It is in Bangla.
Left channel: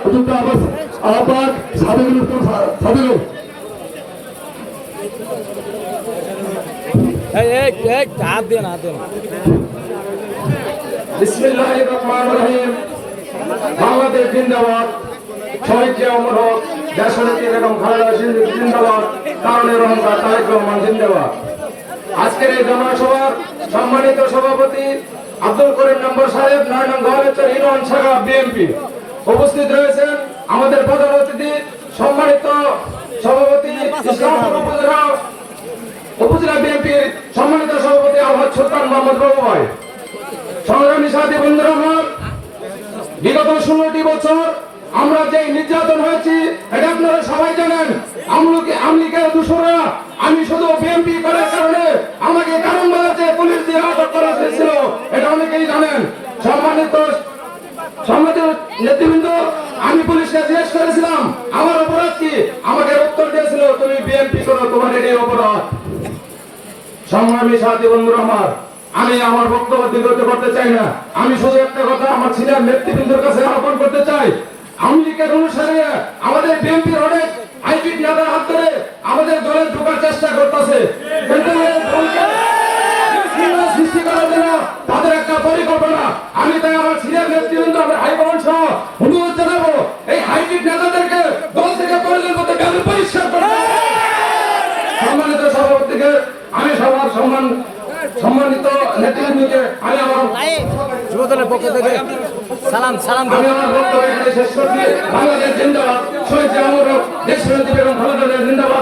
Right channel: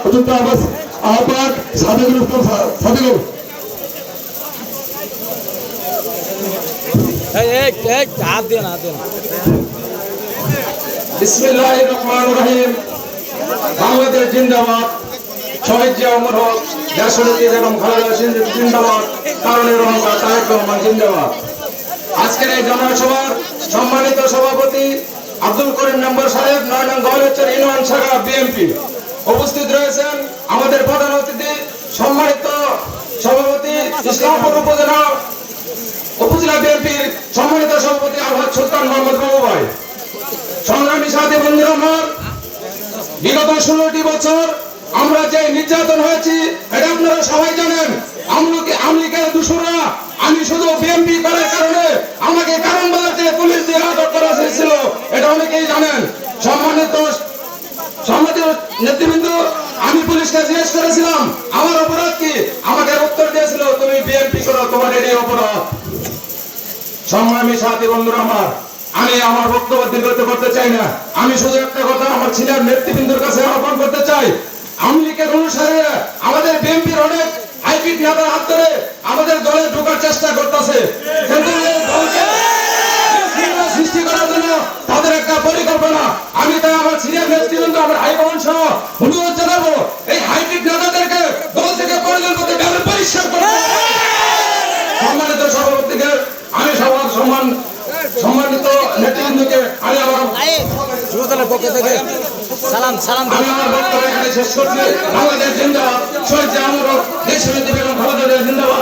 অত্যন্ত আবাস আহ্বায়ক সাবেকুল ইসলাম সা- সাবিকুল এই এই এই হাত দিয়ে হাত দিয়ে না বিসমিল্লাহ রহিম। বাংলাদেশ জিন্দাবাদ শহীদ জিয়া অমর হক দেশনীতি এবং খালেদা জিন্দাবাদ কারণে রহমান তারেক রহমান জিন্দাবাদ। আজকের এই জনসভার সম্মানিত সভাপতি আব্দুল করিম নম্বর সাহেব নয় নং গহরেশ্বর ইউনিয়ন শাখা বিএনপি। উপস্থিত রয়েছেন আমাদের প্রধান অতিথি, সম্মানিত সভাপতি ইসলামপুর উপজেলা উপজেলা বিএনপির সম্মানিত সভাপতি আলহাজ সুলতান মোহাম্মদ বাবু ভাই সংগ্রামী সাথী বন্ধুরা আমার, বিগত ষোলোটি বছর আমরা যে নির্যাতন হয়েছি, এটা আপনারা সবাই জানেন। আমলকে আমলিকের দূষণরা আমি শুধু বিএনপি করার নেতৃবৃন্দ, আমি পুলিশকে জিজ্ঞেস করেছিলাম, আমার অপরাধ কি? আমাকে উত্তর দিয়েছিল, তুমি বিএনপি করো তোমার এটাই অপরাধ। সংগ্রামী সাথী আমার, আমি আমার বক্তব্য দীর্ঘত করতে চাই না। আমি শুধু একটা কথা, আমার ছিলেন নেতৃবৃন্দের কাছে আহ্বান করতে চাই লীগের অনুসারে আমাদের বিএনপির নেতৃবৃন্দ আমার হাইকমান সহ অনুরোধ জানাব এই হাইব্রিড নেতাদেরকে দল থেকে পরিচালনা করতে ব্যাপারে পরিষ্কার করতে সম্মানিত সভাপতিকে আমি সবার সম্মান সম্মানিত নেতৃবৃন্দকে আমি আমার যুব দলের পক্ষ থেকে সালাম সালাম আমি আমার বক্তব্য এখানে শেষ করছি। বাংলাদেশ জিন্দাবাদ শহীদ দেশের বেগম জিন্দাবাদ।